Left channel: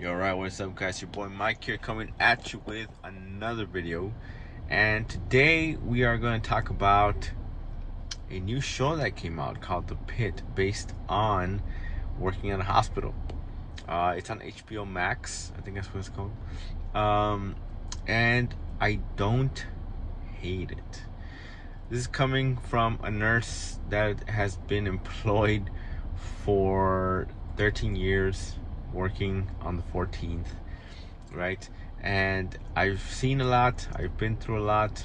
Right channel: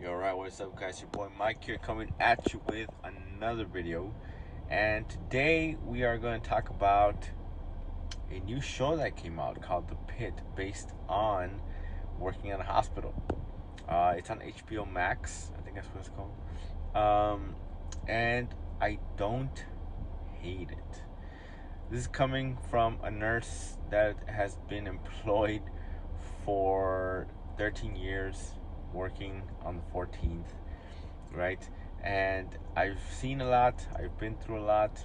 Yo, alright, what's up, guys? Your boy Mike here, coming at you with another video. And today we are going to talk about a new show that came out called The Pit, based on working at a hospital. It's on HBO Max, I think that's what it's called. And I don't hate it. This is coming from a nurse that has been employed for 13 years, working on the 14th, right? And I've seen a lot, I've been through a lot,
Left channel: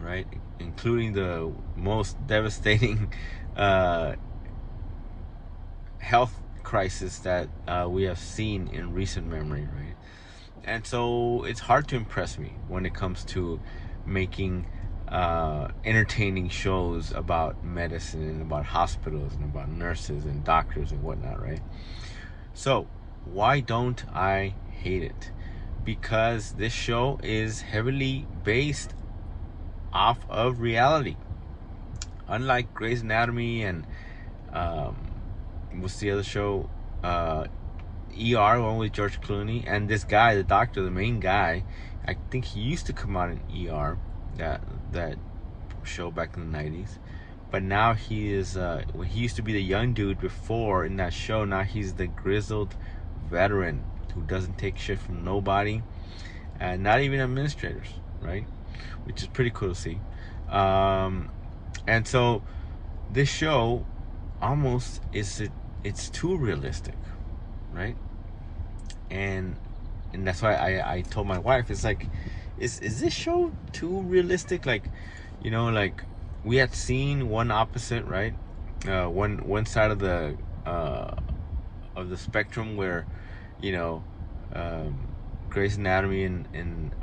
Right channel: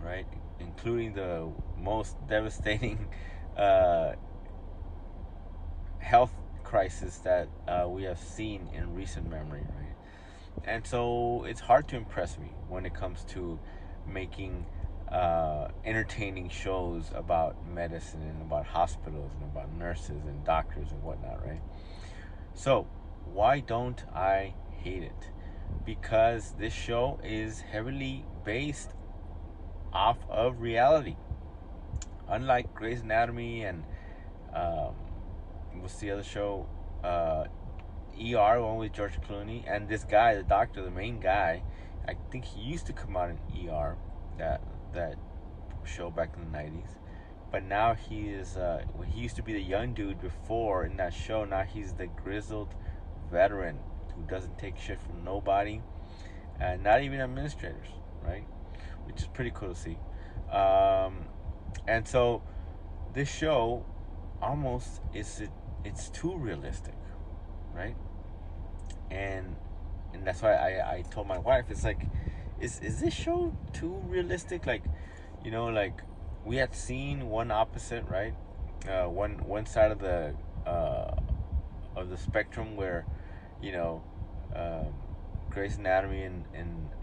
right? Including the most devastating uh, health crisis that we have seen in recent memory, right? And so it's hard to impress me when it comes to making entertaining shows about medicine and about hospitals and about nurses and doctors and whatnot, right? So why don't I hate it? Because this show is heavily based off of reality. Unlike Grey's Anatomy and um, what's the other show? ER, one with George Clooney, and this guy, the doctor, the main guy. I think he used to come out in ER, that show back in the 90s. But now he is. He used to be the young dude before in that show. Now he's the grizzled veteran who doesn't take shit from nobody, and not even administrators, right? Which is pretty cool to see. Um, and so this show almost it's too realistic, right? And that's why I told my wife, it's like, is this show too realistic? Like, like we had seen one opposite, right? One side uh, of the spectrum where, you know, um, Grey's Anatomy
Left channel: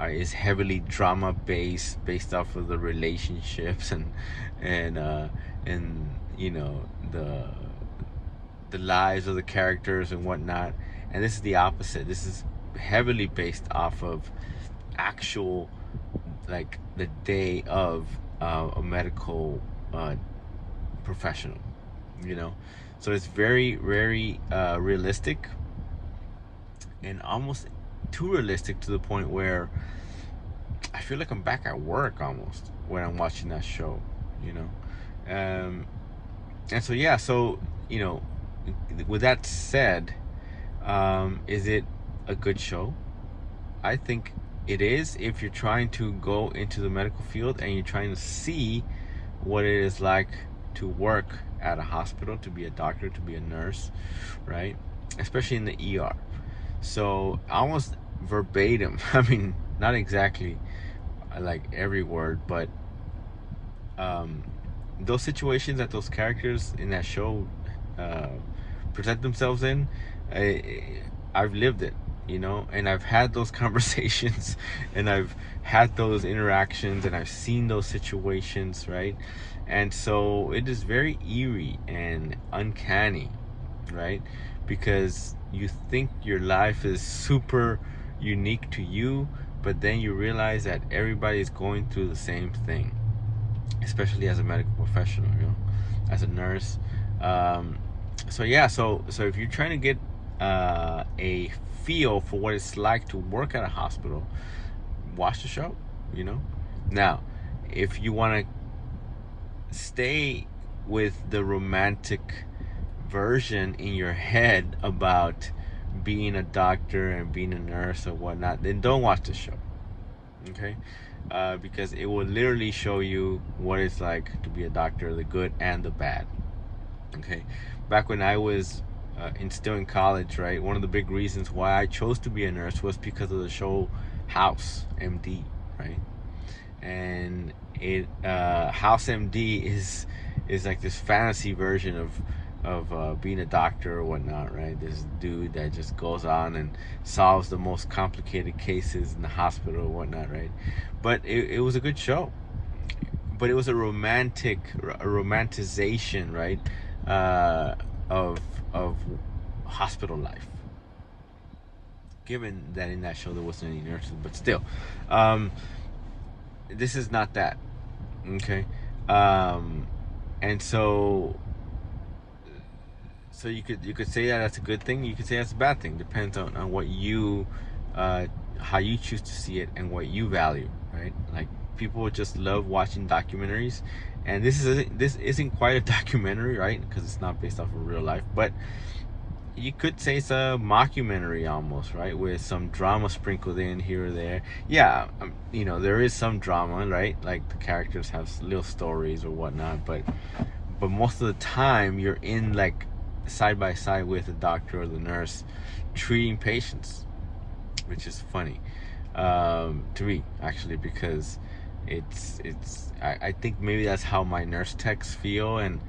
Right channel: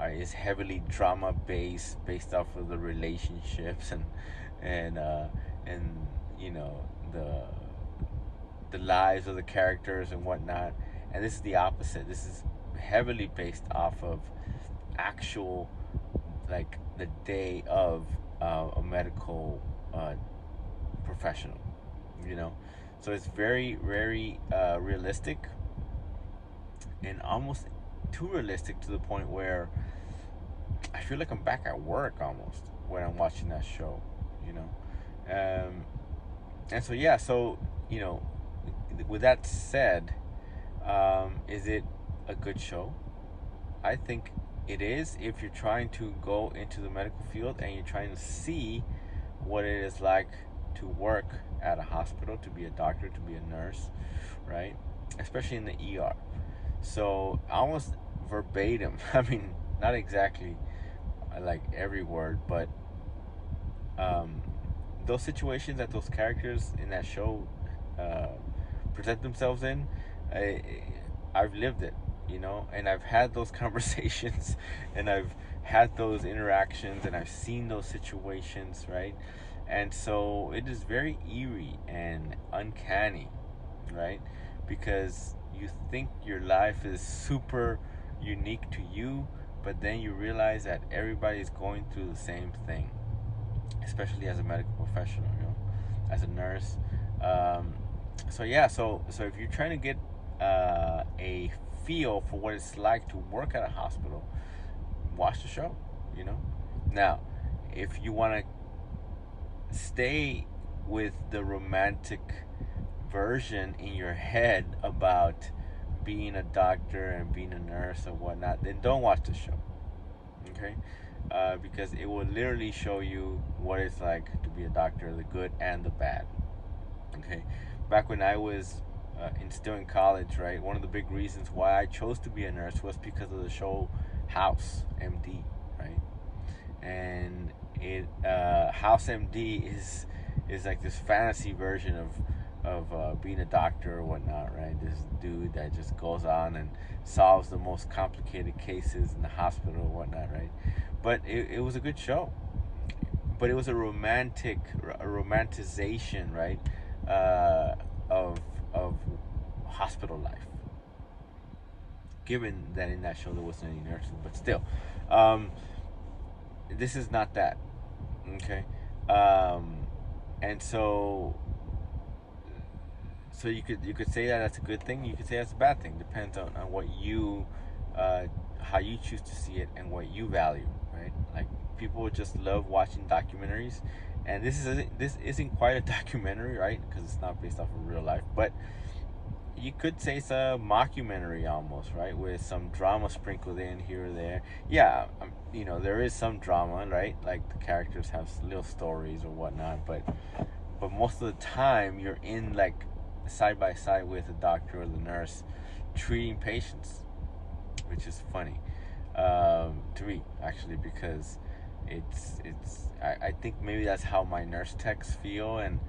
is heavily drama based off of the relationships and the lives of the characters and whatnot. And this is the opposite. This is heavily based off of actual, like, the day of a medical professional, you know. So it's very realistic, and almost too realistic to the point where I feel like I'm back at work almost when I'm watching that show, you know. And so yeah, so with that said, is it a good show? I think it is, if you're trying to go into the medical field and you're trying to see what it is like to work at a hospital, to be a doctor, to be a nurse, right? Especially in the ER. So almost verbatim, I mean, not exactly like every word, but um, those situations that those characters in that show uh, present themselves in, I've lived it, and I've had those conversations, and I've had those interactions, and I've seen those situations, right? And so it is very eerie and uncanny, right? Because you think your life is super unique to you, but then you realize that everybody is going through the same thing, especially as a medical professional, as a nurse. Um, so yeah, so if you're trying to get a feel for what it's like to work at a hospital, watch the show. You know, now if you want to stay with the romantic version in your head about being a doctor and being a nurse or whatnot, then don't watch the show. Okay, because it will literally show you what it's like to be a doctor, the good and the bad. Okay, back when I was still in college, right, one of the big reasons why I chose to be a nurse was because of the show House MD, right? And House MD is like this fantasy version of being a doctor or whatnot, right? This dude that just goes on and solves the most complicated cases in the hospital or whatnot, right? But it was a good show. But it was a romanticization, right? Uh, of hospital life. Given that in that show there wasn't any nurses, but still, um, this is not that. Okay, and so So you could say that that's a good thing. You could say that's a bad thing. Depends on what you, uh, how you choose to see it and what you value, right? Like people just love watching documentaries, and this isn't quite a documentary, right? Because it's not based off of real life, but you could say it's a mockumentary almost, right? With some drama sprinkled in here or there. Yeah, there is some drama, right? Like the characters have little stories or whatnot, but most of the time you're in like side by side with the doctor or the nurse treating patients, which is funny to me actually, because I think maybe that's how my nurse techs feel, and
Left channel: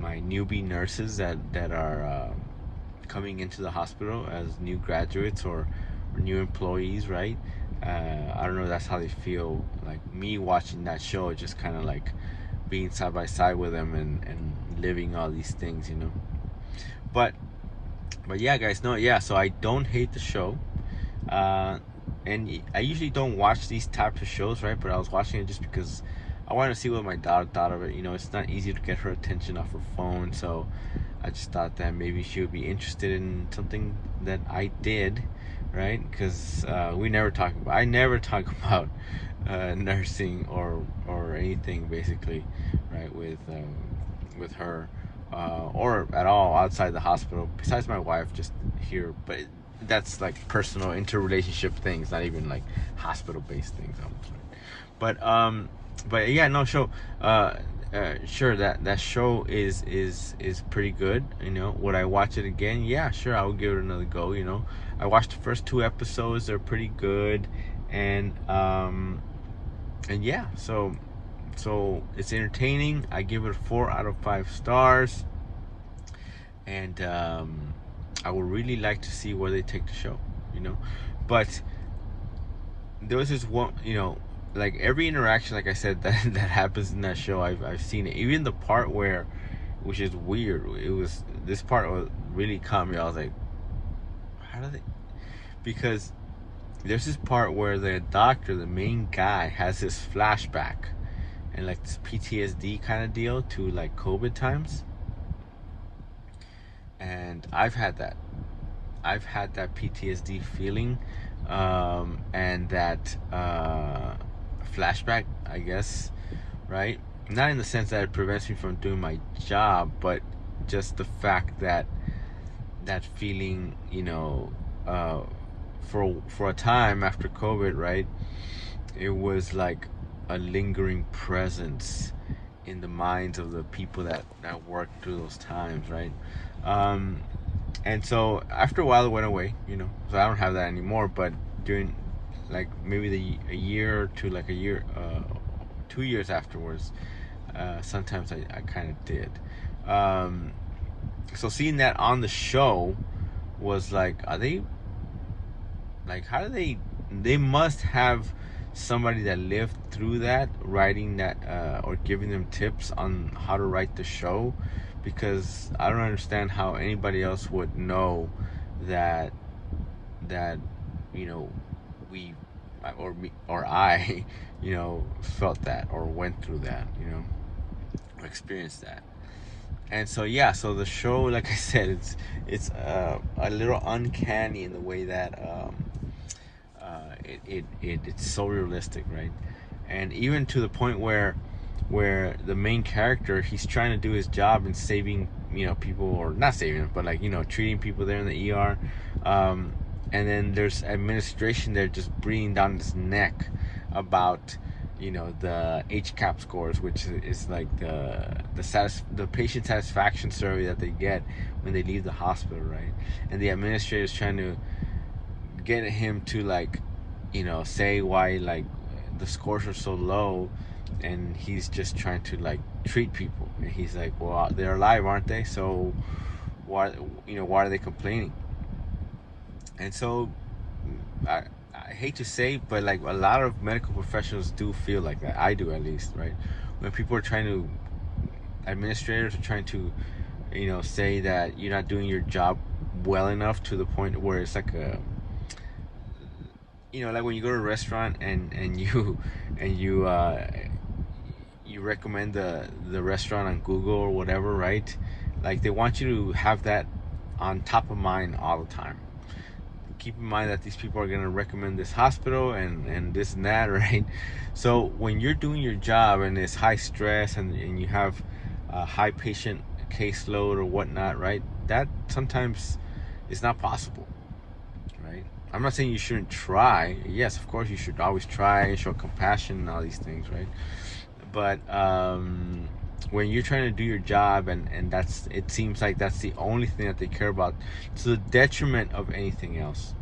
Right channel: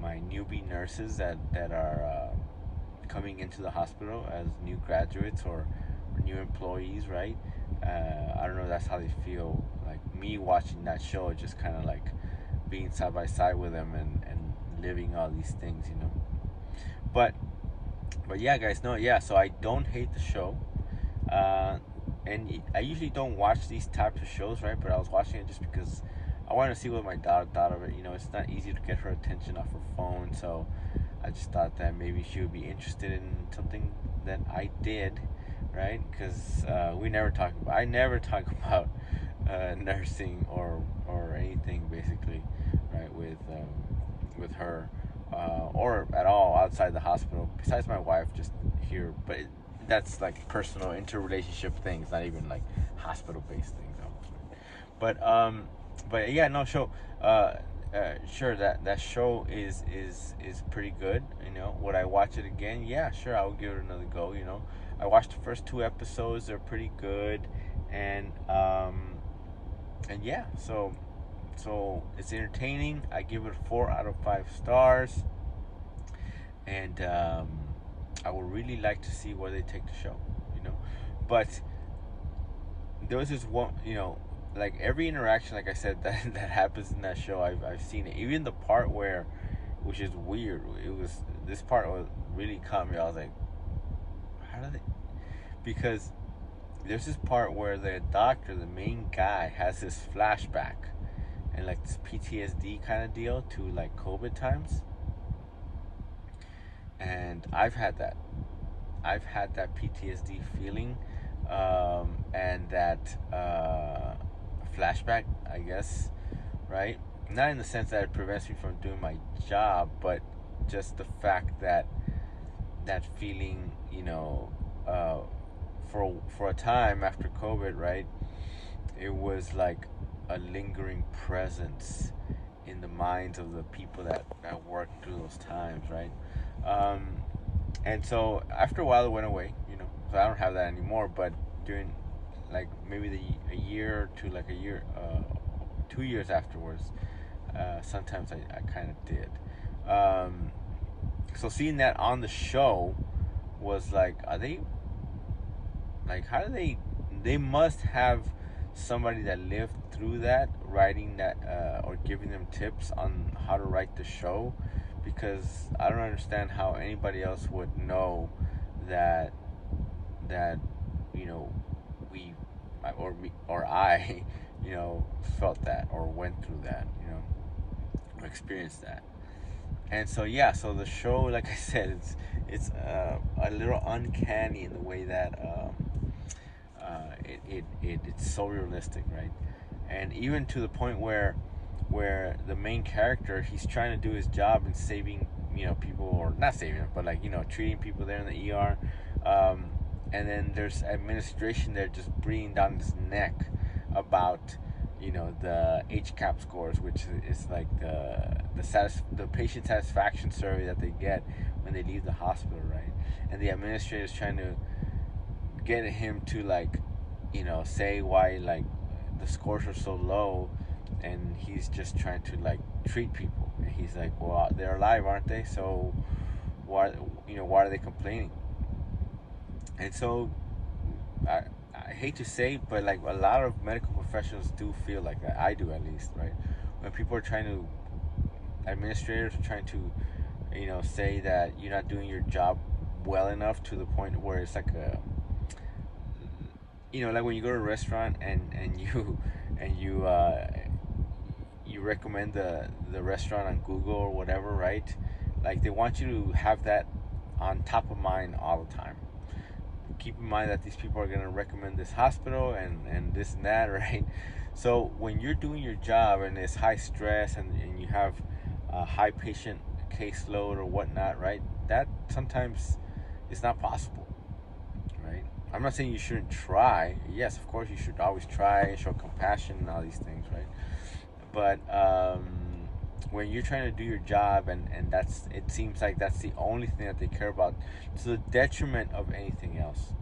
my newbie nurses that are coming into the hospital as new graduates or new employees, right? I don't know, that's how they feel. Like me watching that show, just kind of like being side by side with them and living all these things. But yeah, guys, no, yeah. So I don't hate the show, uh, and I usually don't watch these types of shows, right? But I was watching it just because I wanted to see what my daughter thought of it. It's not easy to get her attention off her phone, so I just thought that maybe she would be interested in something that I did, right? Because I never talk about nursing or anything basically, right? With her, or at all outside the hospital. Besides my wife, just here, but that's like personal interrelationship things, not even like hospital based things almost. Right? But yeah, no show. Sure, that show is pretty good. Would I watch it again? Yeah, sure, I would give it another go. I watched the first two episodes; they're pretty good, and yeah, so it's entertaining. I give it 4 out of 5 stars, and I would really like to see where they take the show. You know, but there was this one. Like every interaction, like I said, that happens in that show, I've seen it. Even the part where, which is weird, it was this part was really caught me. I was like, how do they? Because there's this part where the doctor, the main guy, has this flashback and like this PTSD kind of deal to like COVID times, and I've had that PTSD feeling, and that flashback, I guess, right? Not in the sense that it prevents me from doing my job, but just the fact that that feeling, for a time after COVID, right? It was like a lingering presence in the minds of the people that worked through those times, right? Um, and so after a while it went away, so I don't have that anymore. But during like maybe a year or two, like a year, 2 years afterwards, sometimes I kind of did. um, so seeing that on the show was like, are they, like, how do they must have somebody that lived through that writing that, or giving them tips on how to write the show, because I don't understand how anybody else would know that that you know we, or me or I felt that or went through that, or experienced that. And so yeah, so the show, like I said, it's a little uncanny in the way that it's so realistic, right? And even to the point where the main character, he's trying to do his job and saving people, or not saving them, but like treating people there in the ER, um, and then there's administration there just breathing down his neck about the HCAP scores, which is like the patient satisfaction survey that they get when they leave the hospital, right? And the administrator is trying to get him to, like, say why, like, the scores are so low, and he's just trying to, like, treat people, and he's like, well, they're alive, aren't they? So why are they complaining? And so I, I hate to say, but like a lot of medical professionals do feel like that. I do, at least, right? When people are trying to, administrators are trying to, say that you're not doing your job well enough, to the point where it's like a, like when you go to a restaurant and you and you recommend the restaurant on Google or whatever, right? Like they want you to have that on top of mind all the time. Keep in mind that these people are going to recommend this hospital and this and that, right? So when you're doing your job and it's high stress and you have a high patient caseload or whatnot, right? That sometimes is not possible, right? I'm not saying you shouldn't try. Yes, of course you should always try and show compassion and all these things, right? But when you're trying to do your job and that's, it seems like that's the only thing that they care about, to the detriment of anything else,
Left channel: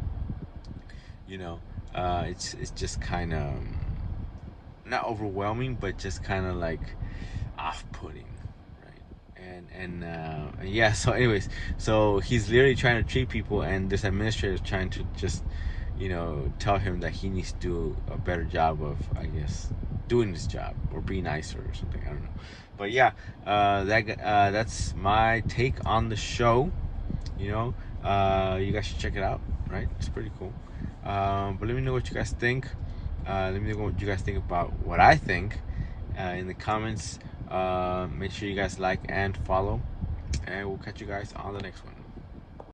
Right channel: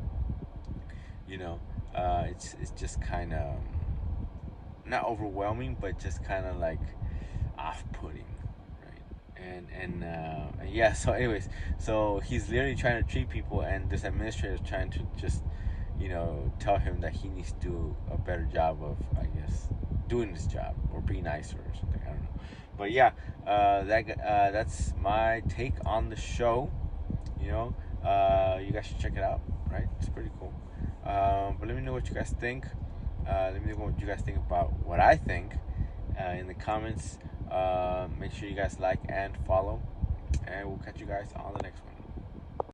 you know, it's just kind of not overwhelming, but just kind of like off-putting, right? And yeah. So, anyways, so he's literally trying to treat people, and this administrator is trying to just, tell him that he needs to do a better job of, I guess, doing his job or be nicer or something. I don't know. But yeah, that's my take on the show. You know, you guys should check it out. Right? It's pretty cool. But let me know what you guys think. Let me know what you guys think about what I think in the comments. Make sure you guys like and follow, and we'll catch you guys on the next one.